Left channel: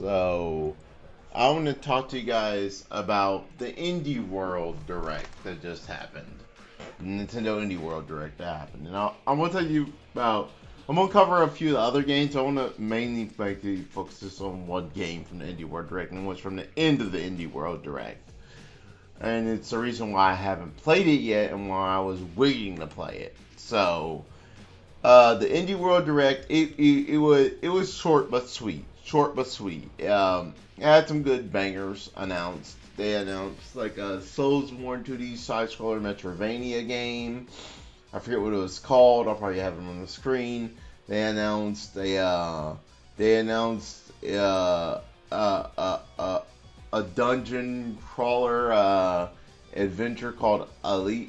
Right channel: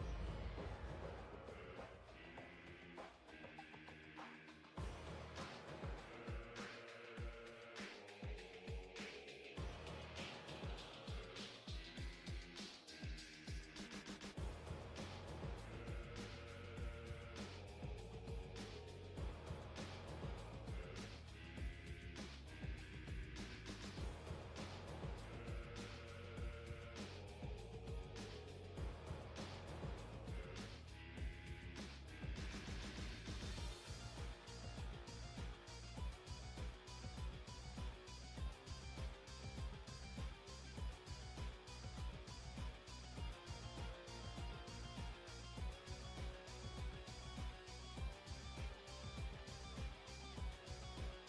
So, I want to talk to you guys about the Indie World Direct that just happened. The Nintendo Indie World Direct that happened. And I'm going to tell you about. I'm going to cover a few of the other games. I want to mainly focus just on one game from the Indie World Direct and what's from the end of the Indie World Direct. And it's the reason why I haven't played it yet and why I was waiting to play it. So, the Indie World Direct, it was short but sweet, short but sweet. It had some good bangers announced. They announced like a Soulsborne 2D side scroller Metrovania game. I forget what it was called. I'll probably have it on the screen. They announced uh, uh, uh, uh, a dungeon crawler adventure called Alicia.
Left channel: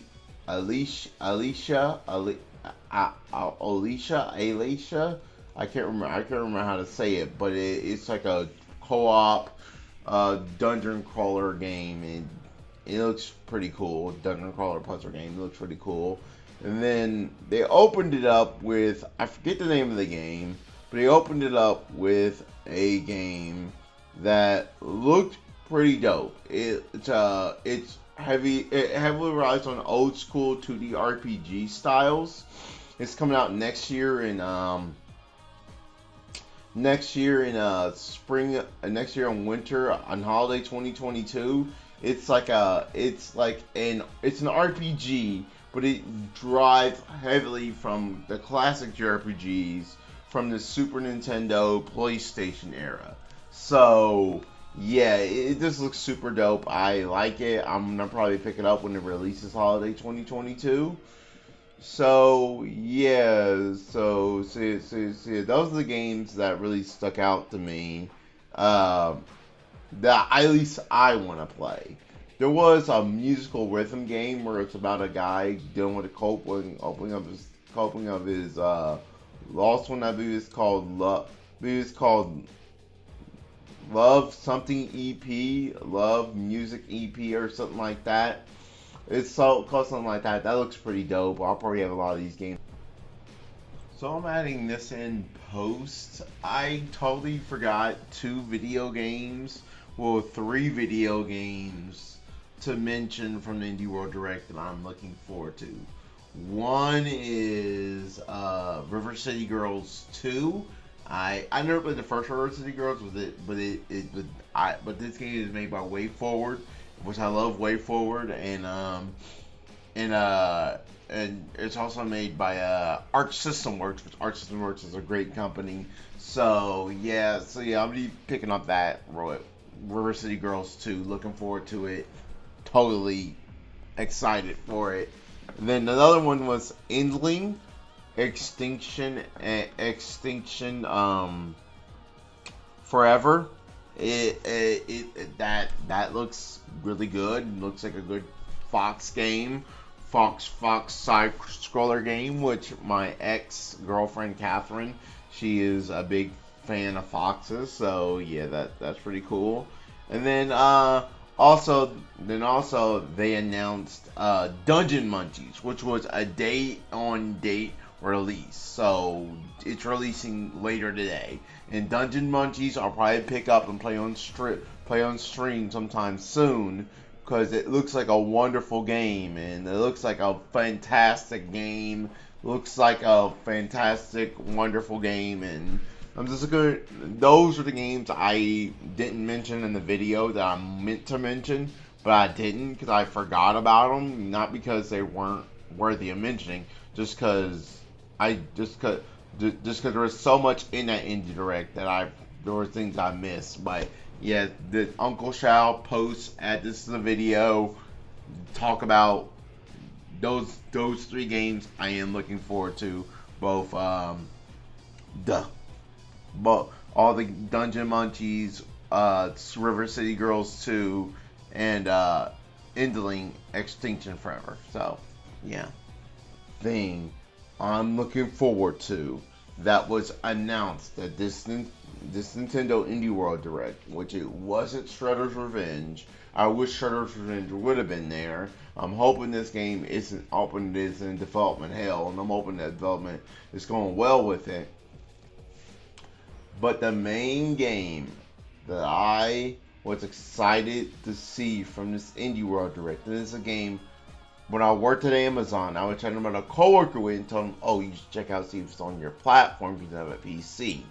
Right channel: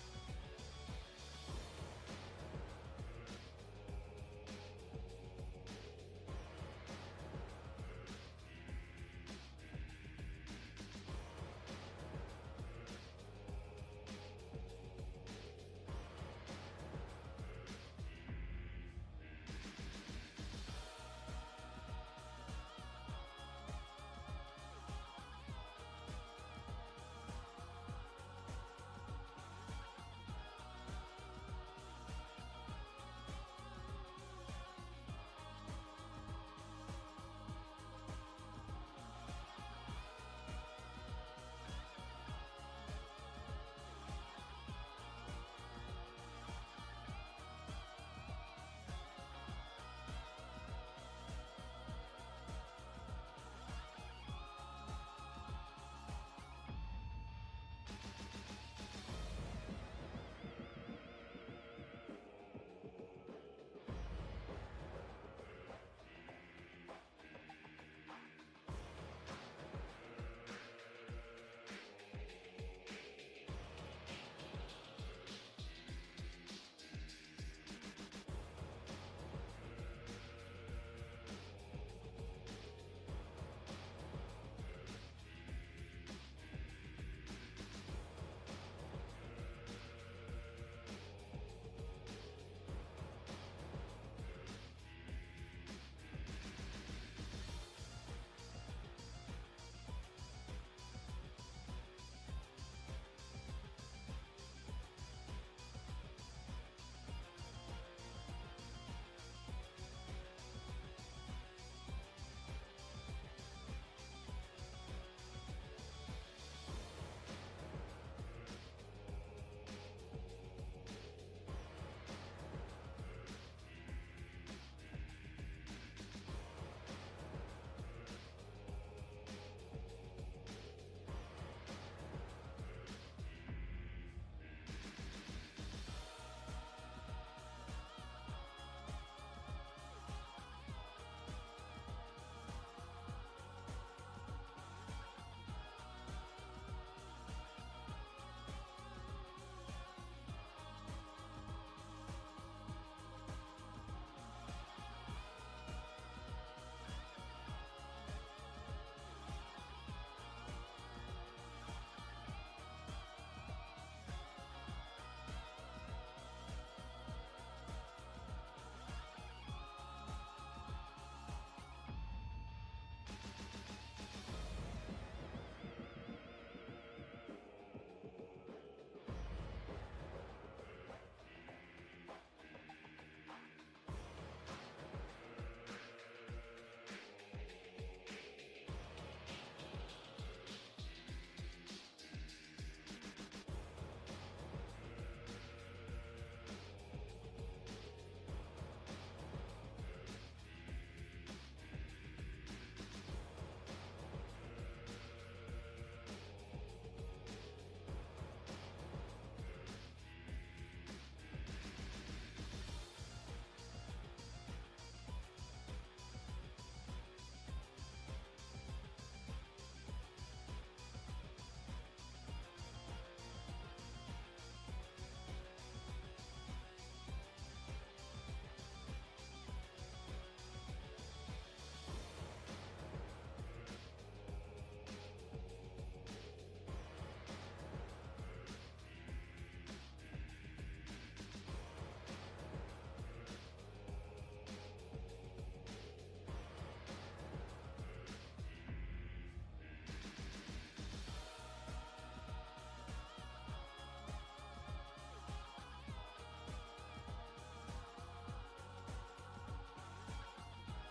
I can't remember. I can't remember how to say it, but it's like a co-op dungeon crawler game, and it looks pretty cool. Dungeon crawler puzzle game. It looks pretty cool. And then they opened it up with, I forget the name of the game, but they opened it up with a game that looked pretty dope. It heavily relies on old school 2D RPG styles. It's coming out spring, next year in winter on holiday 2022. It's an RPG, but it drives heavily from the classic JRPGs from the Super Nintendo PlayStation era. So yeah, it just looks super dope. I like it. I'm gonna probably pick it up when it releases holiday 2022. So yeah, see, those are the games that really stuck out to me. Um, that at least I want to play. There was a musical rhythm game where it's about a guy dealing with a coping of his lost one. I believe it's called Love. I believe it's called Love something EP, Love Music EP or something like that. It's so called something like that. That looks pretty dope. I'll probably have a lot of these games. So I'm adding this in post. I totally forgot three video games to mention from the Indie World Direct that I'm looking forward to. One is River City Girls 2. I never played the first River City Girls, but this game is made by Way Forward, which I love Way Forward, and and it's also made by Arc System Works, which Arc System Works is a great company. So yeah, I'm gonna be picking up that River City Girls 2. Looking forward to it. Totally excited for it. Then another one was Endling Extinction Forever. That looks really good. It looks like a good Fox game. Fox side scroller game, which my ex girlfriend Catherine, she is a big fan of foxes. So yeah, that's pretty cool. And then also they announced Dungeon Munchies, which was a date release. So it's releasing later today. And Dungeon Munchies I'll probably pick up and play on stream sometime soon because it looks like a wonderful game and it looks like a fantastic game. Looks like a fantastic, wonderful game, and I'm just gonna. Those are the games I didn't mention in the video that I meant to mention, but I didn't because I forgot about them. Not because they weren't worthy of mentioning, just because I just because there was so much in that indie direct that there were things I missed. But yeah, the Uncle Shao post add this to the video, talk about those three games I am looking forward to. Both the but all the Dungeon Munchies, River City Girls 2, and Endling Extinction Forever. So yeah, thing I'm looking forward to that was announced at this Nintendo Indie World Direct, which it wasn't Shredder's Revenge. I wish Shredder's Revenge would have been there. I'm hoping this game isn't open. It is in development hell, and I'm hoping that development is going well with it. But the main game that I was excited to see from this Indie World Direct. And this is a game. When I worked at Amazon, I was talking about a coworker with and told him, "Oh, you should check out see if it's on your platform because you have a PC."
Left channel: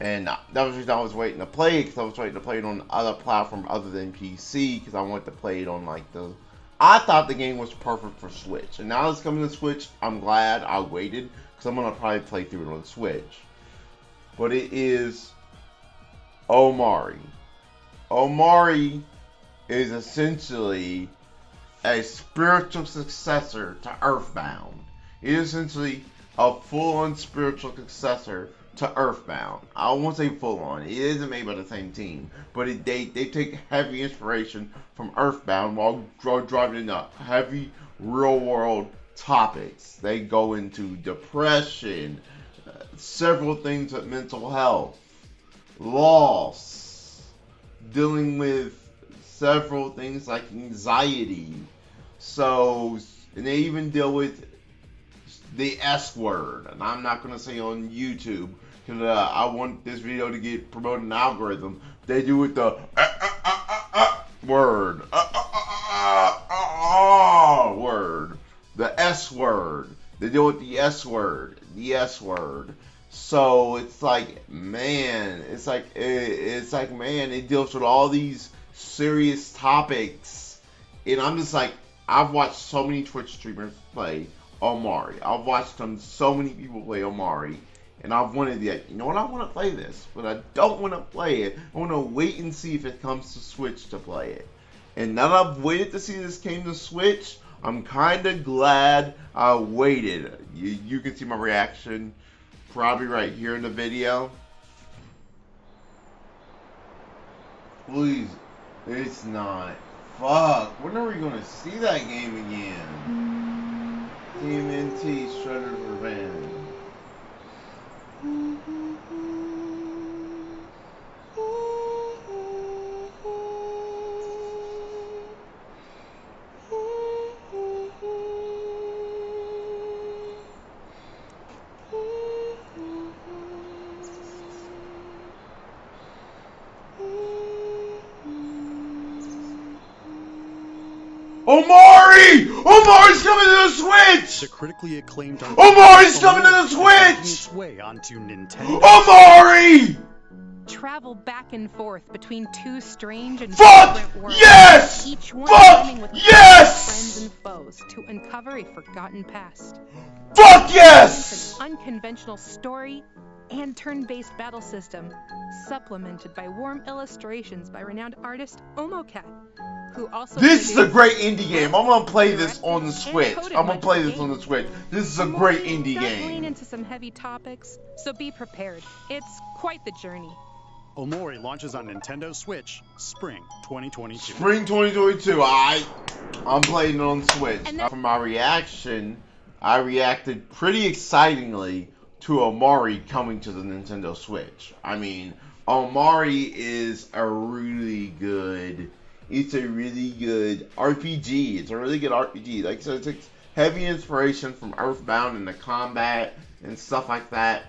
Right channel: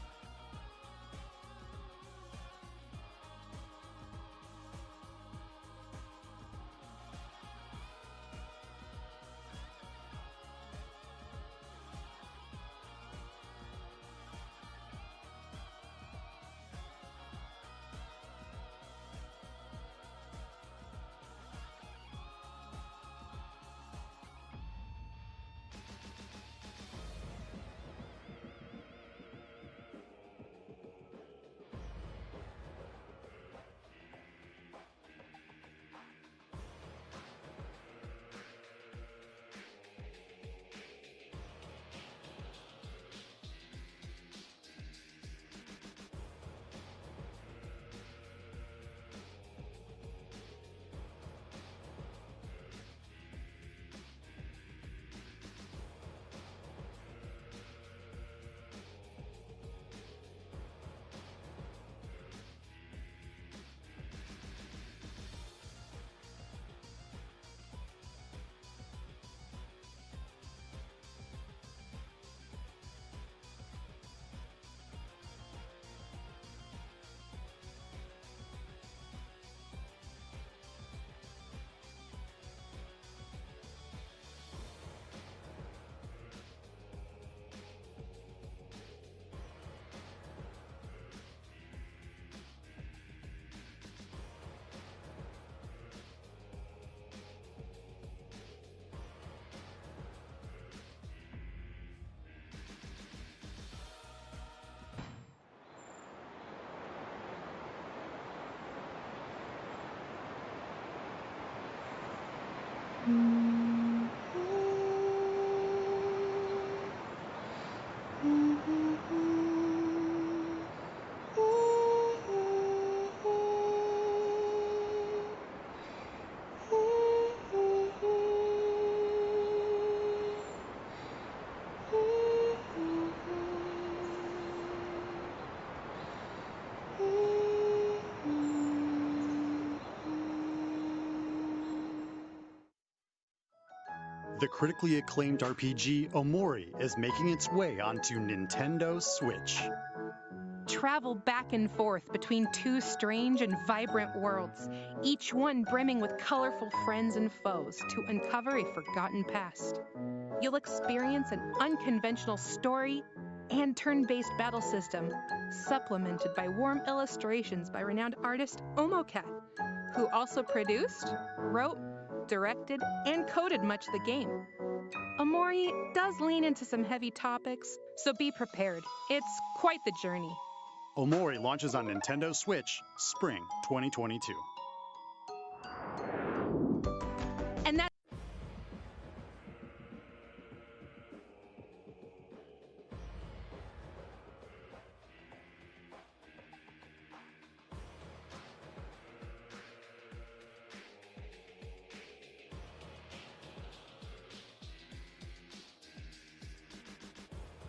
And that was the reason I was waiting to play it, because I was waiting to play it on other platform other than PC, because I wanted to play it on like the. I thought the game was perfect for Switch, and now it's coming to Switch. I'm glad I waited, because I'm gonna probably play through it on Switch. But it is OMORI. OMORI is essentially a spiritual successor to Earthbound. It is essentially a full-on spiritual successor to Earthbound. I won't say full-on. It isn't made by the same team, but they take heavy inspiration from Earthbound while driving into heavy real-world topics. They go into depression, several things with mental health, loss, dealing with several things like anxiety. So, and they even deal with the S word, and I'm not going to say on YouTube, because I want this video to get promoted in the algorithm. They do with the word, word, the S word. They deal with the S word, So it's like, man, man, it deals with all these serious topics, and I'm just like, I've watched so many Twitch streamers play OMORI. I've watched so many people play OMORI, and I've wanted to, you know what, I want to play this, but I don't want to play it. I want to wait and see if it comes to Switch to play it. And now that I've waited to see this came to Switch, I'm kind of glad I waited. You can see my reaction probably right here in the video. Please, it's not. Fuck, when are we going to see that game again? TMNT Shredder's Revenge. OMORI! OMORI's coming to the Switch! The critically acclaimed OMORI's coming to the Switch! Making its way onto Nintendo. OMORI! Travel back and forth between two strange and Fuck different worlds. Yes! Each one Fuck brimming with yes! friends and foes to uncover a forgotten past. Fuck yes! Experience an unconventional story and turn-based battle system, supplemented by warm illustrations by renowned artist OMORI, who also This is a great indie game. wrote, I'm gonna play this directed, on the and Switch. coded I'm gonna much play of the this on the game. Switch. This is a OMORI great indie does lean game. into some heavy topics, so be prepared. It's quite the journey. OMORI launches on Nintendo Switch spring 2022. Spring 2022. I'm playing it on the Switch. And that- For my reaction, I reacted pretty excitingly to OMORI coming to the Nintendo Switch. I mean, OMORI is a really good. It's a really good RPG. It's a really good RPG. Like I said, it takes heavy inspiration from Earthbound and the combat and stuff like that.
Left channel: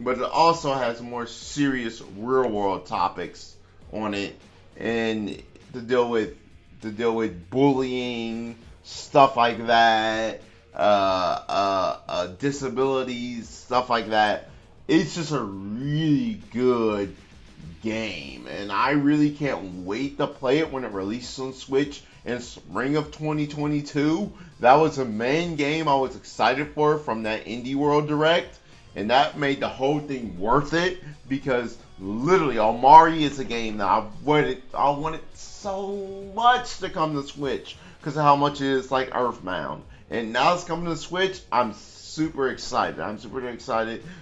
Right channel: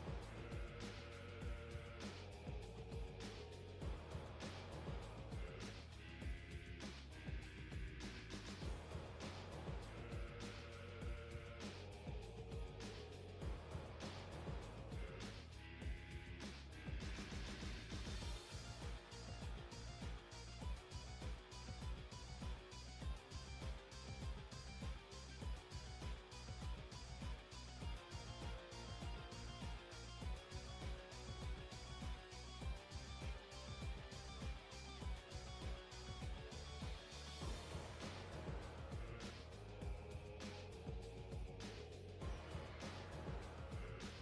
But it also has more serious real world topics on it, and to deal with bullying, stuff like that, disabilities, stuff like that. It's just a really good game, and I really can't wait to play it when it releases on Switch in spring of 2022. That was the main game I was excited for from that Indie World Direct, and that made the whole thing worth it, because literally OMORI is a game that I wanted so much to come to Switch because of how much it is like Earthbound. And now it's coming to Switch. I'm super excited.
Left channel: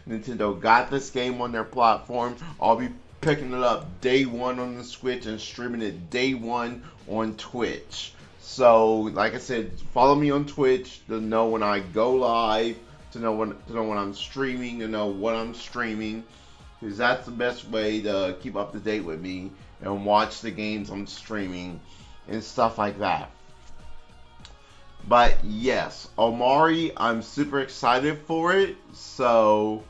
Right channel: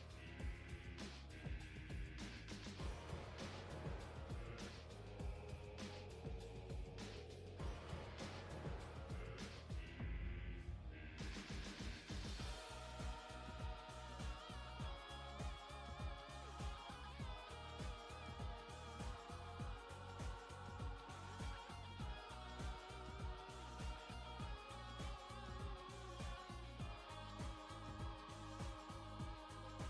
Nintendo got this game on their platform. I'll be picking it up day one on the Switch and streaming it day one on Twitch. So, like I said, follow me on Twitch to know when I go live, to know when I'm streaming, to know what I'm streaming, because that's the best way to keep up to date with me and watch the games I'm streaming and stuff like that. But yes, OMORI, I'm super excited for it. So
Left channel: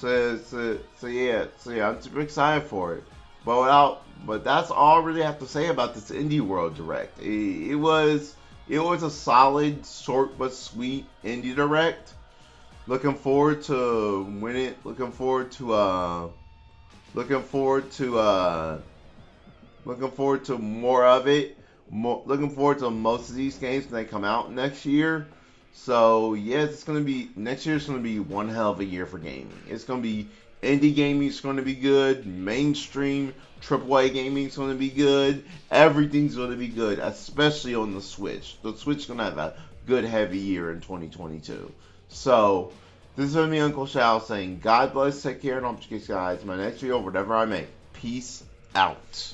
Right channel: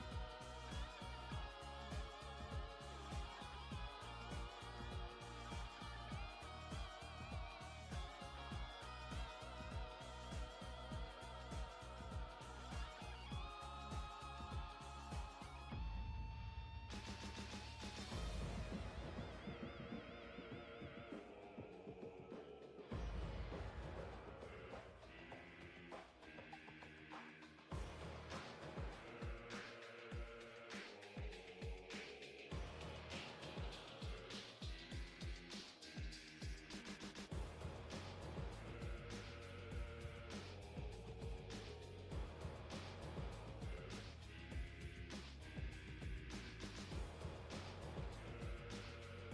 So yeah, I'm super excited for it. But that's all I really have to say about this Indie World Direct. It was a solid, short but sweet Indie Direct. Looking forward to win it. Looking forward to more of it. Looking forward to most of these games when they come out next year. So yeah, it's gonna be next year's gonna be one hell of a year for gaming. It's gonna be indie gaming is gonna be good. Mainstream AAA gaming is gonna be good. Everything's gonna be good, especially on the Switch. The Switch is gonna have a good heavy year in 2022. So this is me, Uncle Shao, saying God bless, take care, and I'll see you guys in my next video, whatever I make. Peace out.